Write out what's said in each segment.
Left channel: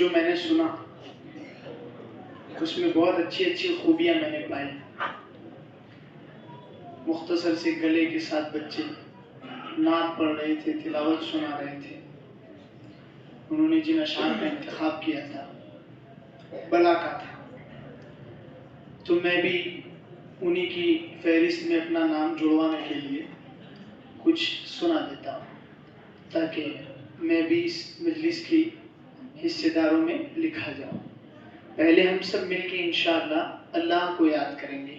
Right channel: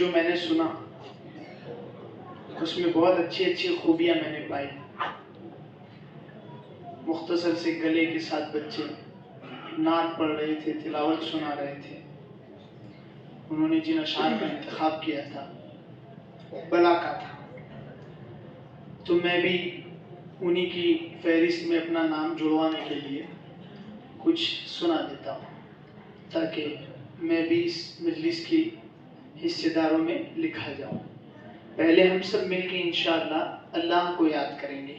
جو میں نے سنا اس میں بہت اچھی اچھی خوبیاں میں نے پائی. مختصر سے گلے کے ساتھ بچے نعت پڑھ رہے تھے، تلاوت سنا رہے تھے. انہوں نے جن اشعار کا انتخاب کیا تھا بلا کا تھا، تو میں بھی انہی کی فہرست میں اپنا نام جڑوانے کے لیے کچھ سنا دیتا ہوں تاکہ میں بھی اس مجلس کی حصے داروں میں لکھا جاؤں. پہلے ہم سب مل کے انشاءاللہ اللہ کو یاد کریں گے.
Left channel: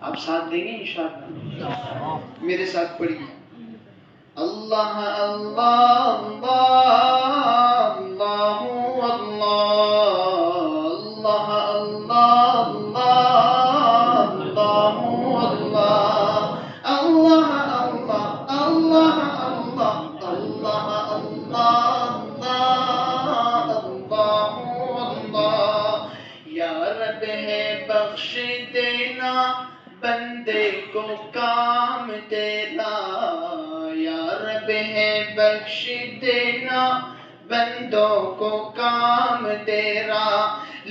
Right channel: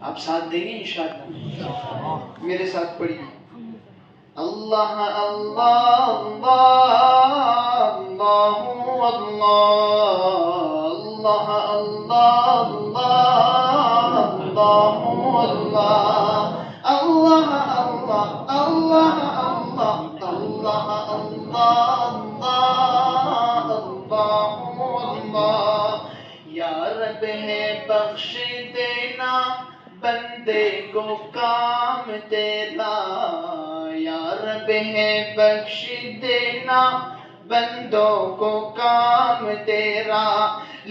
آپ ساتھ دیں گے انشاءاللہ؟ میرے ساتھ پڑھیے. اللہ اللہ اللہ اللہ اللہ اللہ اللہ اللہ اللہ اللہ اللہ. یا رب ہے بخش دینا بندے کو کام تیرا، یا رب ہے بخش دینا بندوں کو کام تیرا.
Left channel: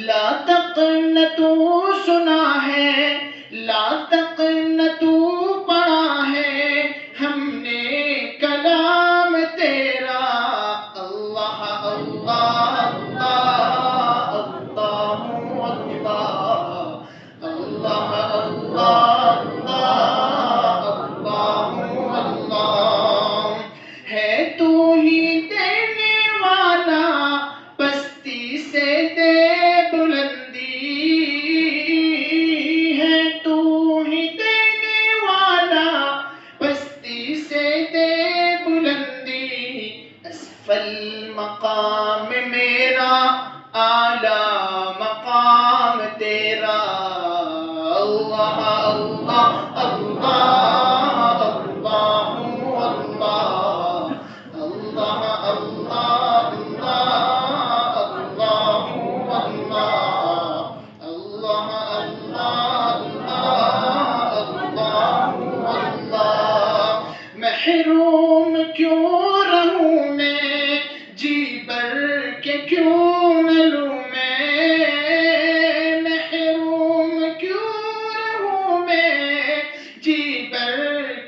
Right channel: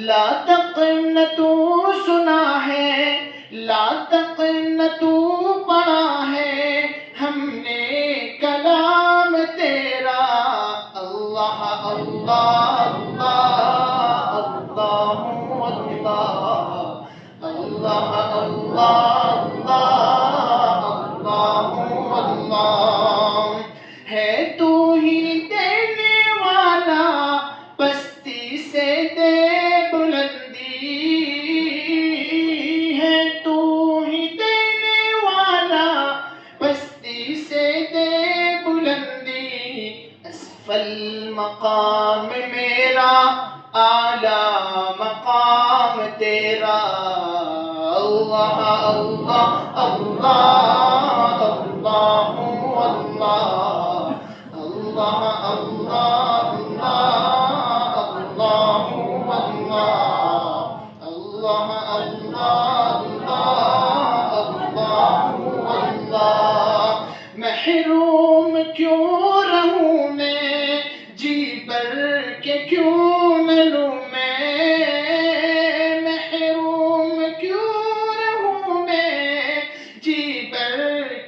لا تقنطوا سنا ہے، لا تقنطوا پڑھا ہے ہم نے کلام تیرا. اللہ اللہ اللہ اللہ اللہ اللہ. ہے تو ہی دینے والا پستی سے دے بلندی، ہے تو ہی دینے والا پستی سے دے بلندی. اسفل مقام میرا اعلیٰ مقام تیرا. اللہ اللہ اللہ اللہ اللہ اللہ اللہ اللہ اللہ. محروم کیوں رہوں میں جی بر کے کیوں نہ لوں میں، محروم کیوں رہوں میں جی بر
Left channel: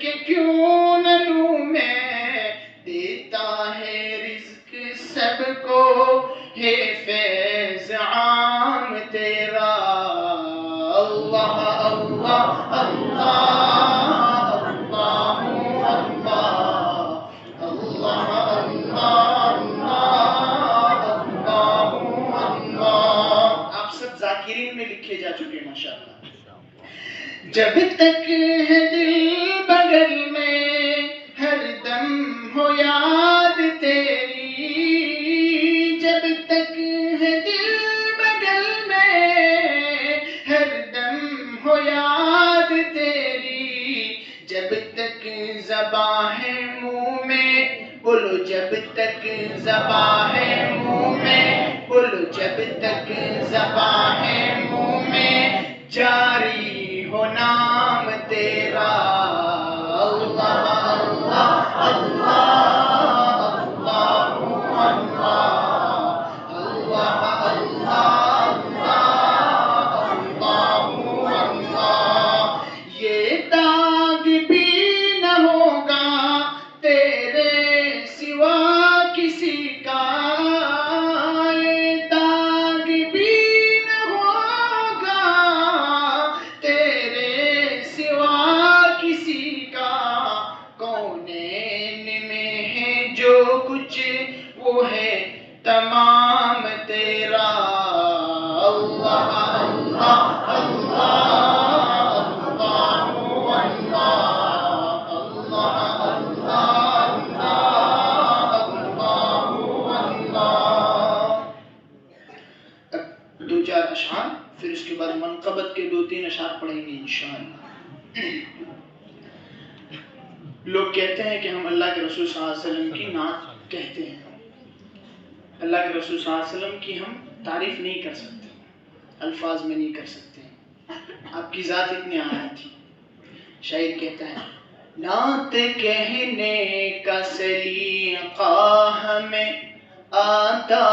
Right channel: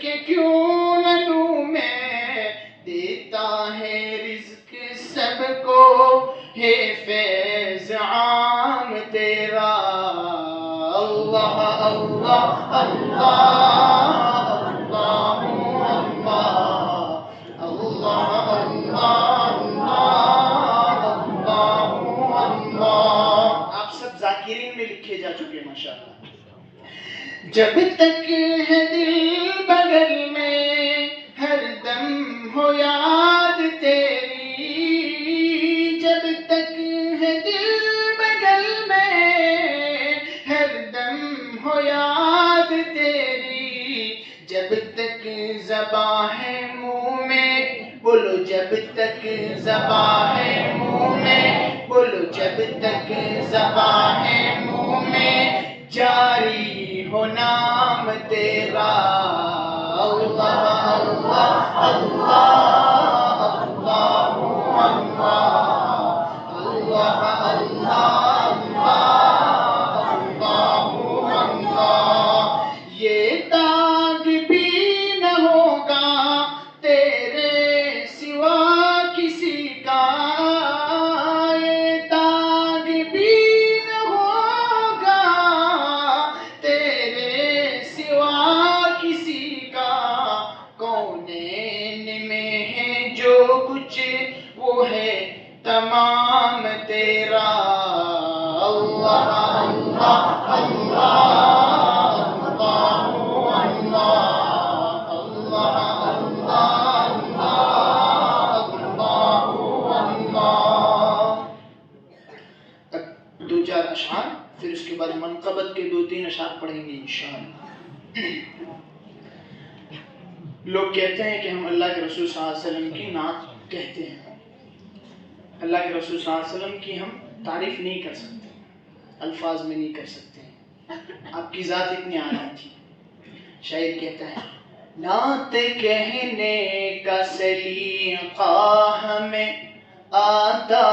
کے کیوں نہ لوں میں. دیتا ہے رزق سب کو ہے فیض عام تیرا. اللہ اللہ اللہ اللہ اللہ اللہ. آپ سب ذاکرین میں لکھے جا چکے ہیں ماشاءاللہ. جب تک ہے دل بغل میں ہر دم ہو یاد تیری، جب تک ہے دل بغل میں ہر دم ہو یاد تیری. جب تک زباں ہے منہ میں بولو، جب تک زباں ہے منہ میں بولو، جب تک زباں ہے منہ میں جاری ہو نام تیرا. اللہ اللہ اللہ اللہ اللہ اللہ اللہ. یہ داغ بھی نہ ہوگا تیرے سوا کسی کا، یہ داغ بھی نہ ہوگا تیرے سوا کسی کا. کونین میں ہے جو کچھ وہ ہے تمام تیرا. اللہ اللہ اللہ اللہ اللہ. اب دو چار اشعار، پھر اس کے بعد منقبت کے دو تین اشعار پڑھیں گے انشاءاللہ. لوگ کہتے ہیں کہ ہم اللہ کے رسول صلی اللہ علیہ وسلم کی نعت کہتے ہیں. اللہ کے رسول صلی اللہ علیہ وسلم کی ہم تعریف نہیں کر سکتے، الفاظ میں نہیں کر سکتے. آپ کی ذات اتنی اعلیٰ تھی. شاعر کہتا ہے نعت کہنے کا سلیقہ ہمیں آتا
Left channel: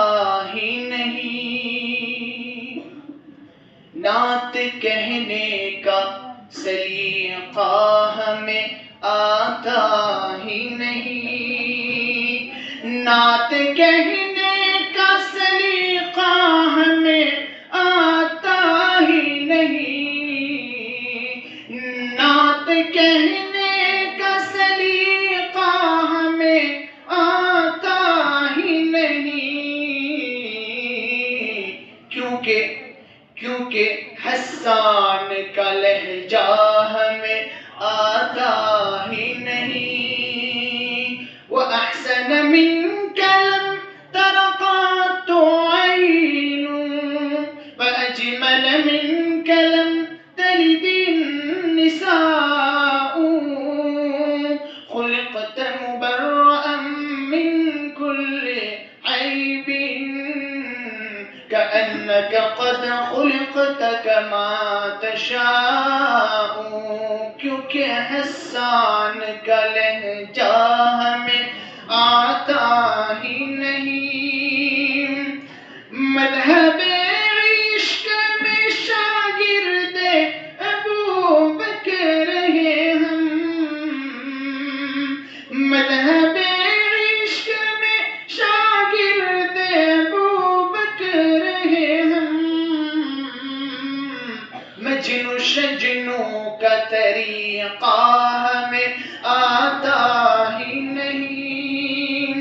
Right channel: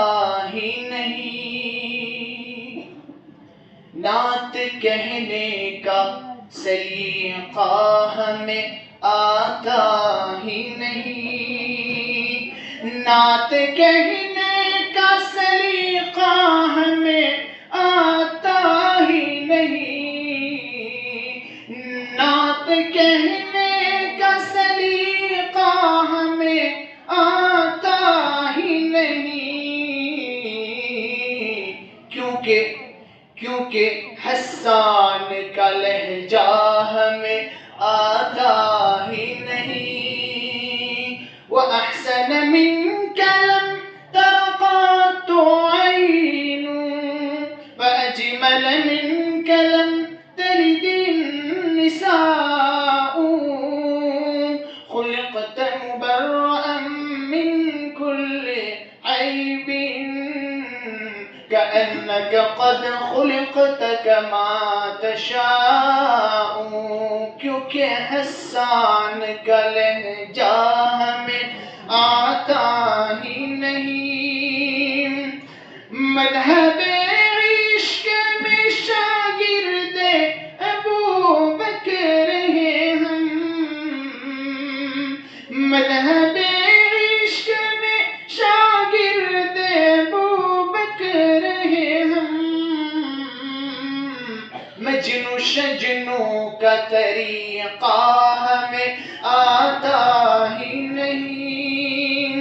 ہی نہیں، نعت کہنے کا سلیقہ ہمیں آتا ہی نہیں، نعت کہنے کا سلیقہ ہمیں آتا ہی نہیں، نعت کہنے کا سلیقہ ہمیں آتا ہی نہیں، کیونکہ حسان کا لہجہ ہمیں آتا ہی نہیں، وَأَحْسَنَ مِنْكَ لَمْ تَرَ قَطُّ عَيْنٌ وَأَجْمَلَ مِنْكَ لَمْ تَلِدِ النِّسَاءُ، خُلِقْتَ مُبَرَّأً مِنْ كُلِّ عَيْبٍ كأنك قد خلقت كما تشاء، کیونکہ حسان کا لہجہ ہمیں آتا ہی نہیں، مذہب عشق میں شاگرد ابو بکر ہیں ہم، مذہب عشق میں شاگرد ابو بکر ہیں ہم، مجنو شجنو کا طریقہ ہمیں آتا ہی نہیں،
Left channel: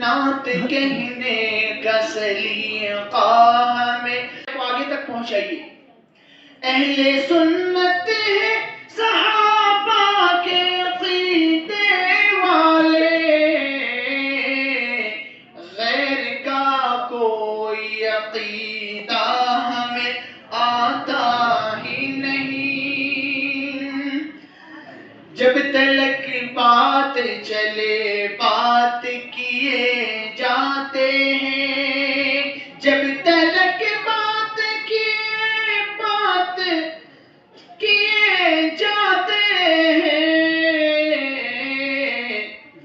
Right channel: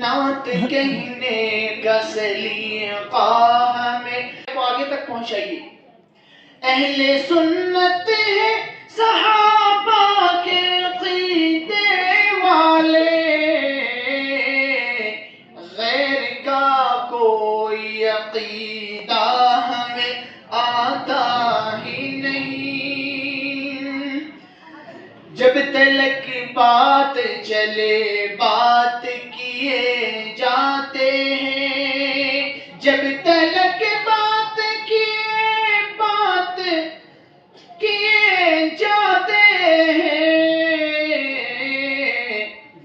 نعت کہنے کا سلیقہ ہمیں آگے تک پہنچائیے۔ اہل سنت ہے صحابہ کے عقیدے والے، غیر کا کوئی عقیدہ ہمیں آتا ہی نہیں، جب تلک بات چلے بات کیے جاتے ہیں، جب تلک بات کیے جاتے ہیں،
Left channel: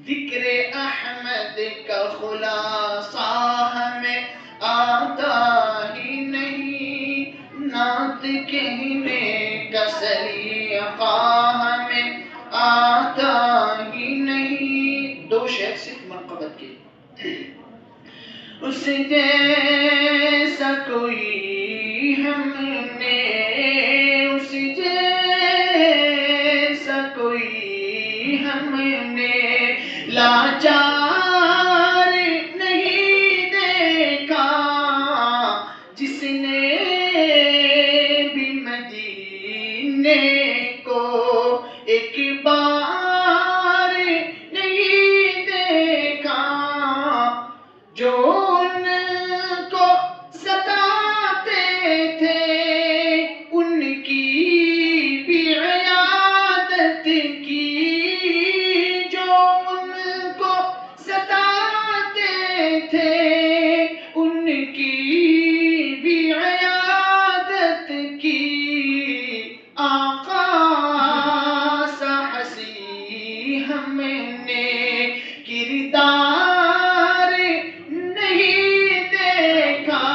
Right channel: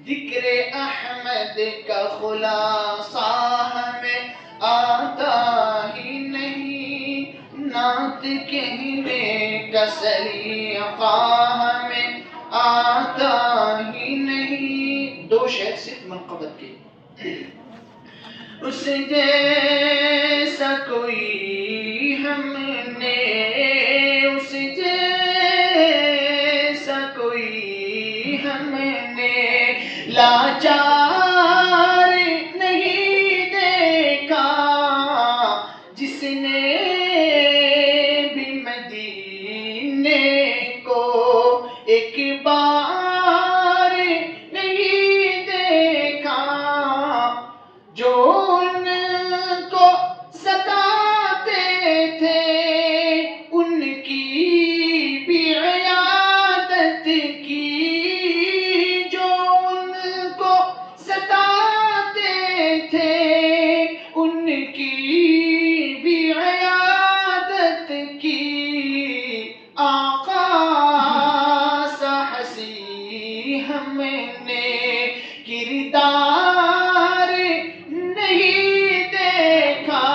ذکر احمد کا خلاصہ ہمیں آتا ہی نہیں، نعت کہنے کا سلیقہ ہمیں آتا ہی نہیں۔ دو شعر صرف منقبت کے، اس جیسا کوئی ہم نے، اس جیسا کوئی ہم نے لاچار نہیں دیکھا، جس نے بھی مدینے کو ایک بار نہیں دیکھا، جو ان کو ستاتے تھے ان کی بھی عیادت کی، جو ان کو ستاتے تھے ان کی بھی عیادت کی، آقا سا حسی ہم نے کردار نہیں دیکھا،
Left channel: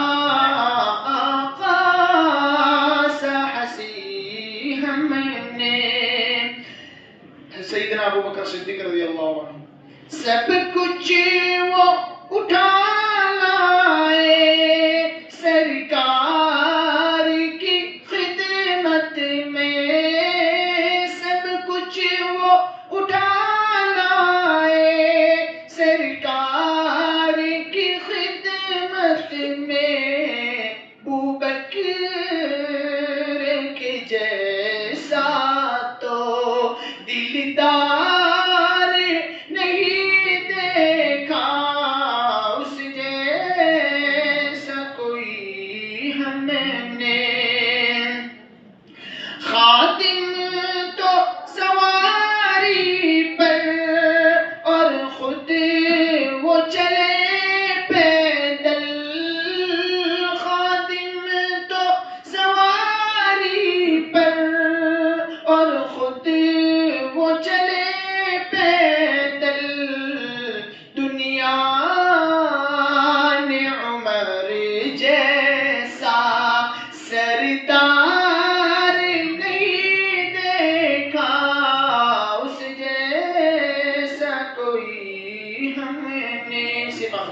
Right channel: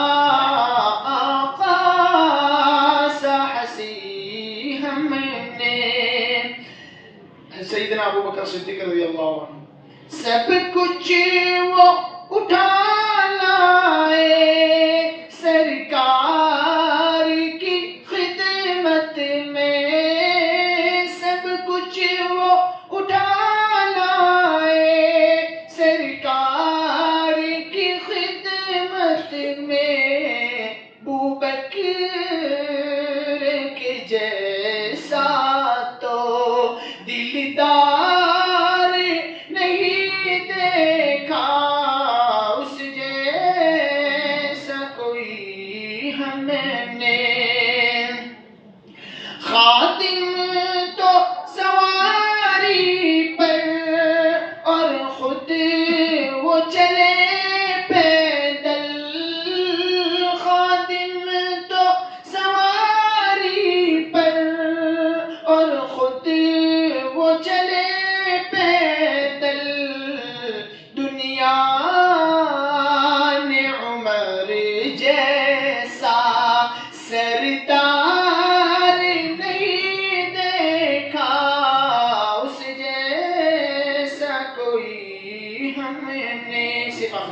آقا سا حسی ہم نے۔ سیدنا ابو بکر صدیق رضی اللہ عنہ، سب کچھ وہ اٹھا لائے سرکار کی خدمت میں، سب کچھ وہ اٹھا لائے سرکار کی خدمت میں، ابو بکر کے جیسا تو دلدار نہیں دیکھا، اس جیسا کوئی ہم نے، خادم تو سواری پر اور خود وہ چلے پیدل، خادم تو سواری پر اور خود وہ چلے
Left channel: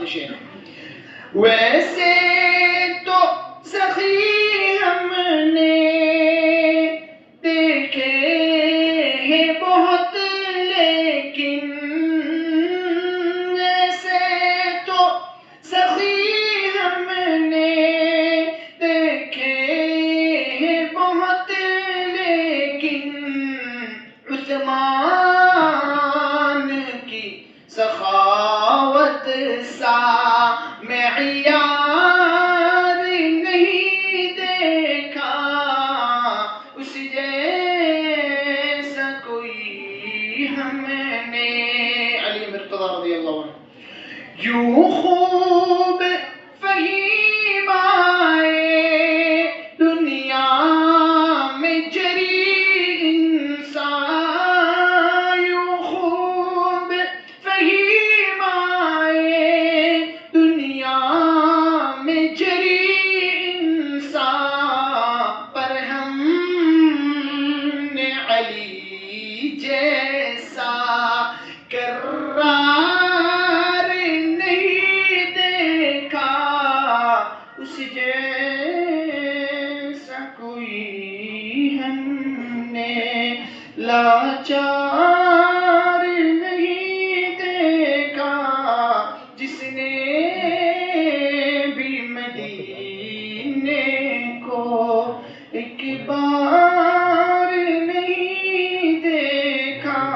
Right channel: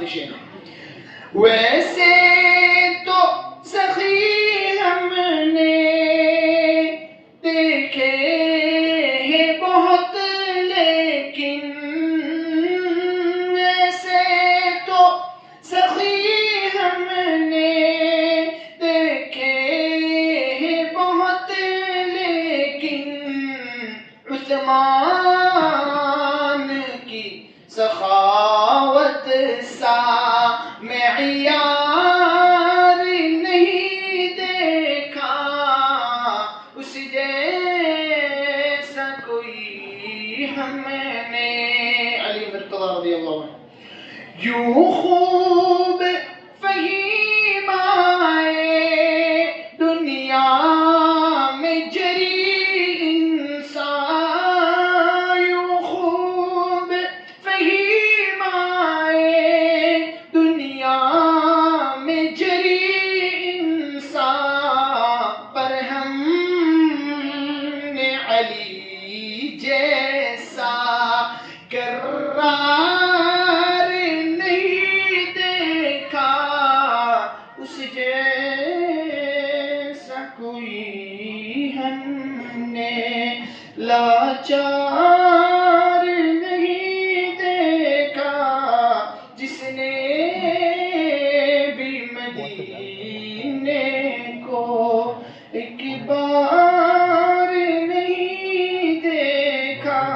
خوشی ہے. ویسے تو سخی ہم نے دیکھے ہیں بہت لیکن ویسے تو سخی ہم نے دیکھے ہیں بہت لیکن عثمان کی سخاوت سا معیار نہیں دیکھا اس جیسا کوئی ہم نے. علی مرتضی رضی اللہ عنہ. یوں خوب فہیم آئے دنیا میں جری انسان. یوں خوب فہیم آئے دنیا میں جری انسان پر ہم نے علی جیسا کرار نہیں دیکھا اس جیسا کوئی ہم نے لاچار نہیں دیکھا جس نے بھی مدینے کو ایک بار نہیں دیکھا.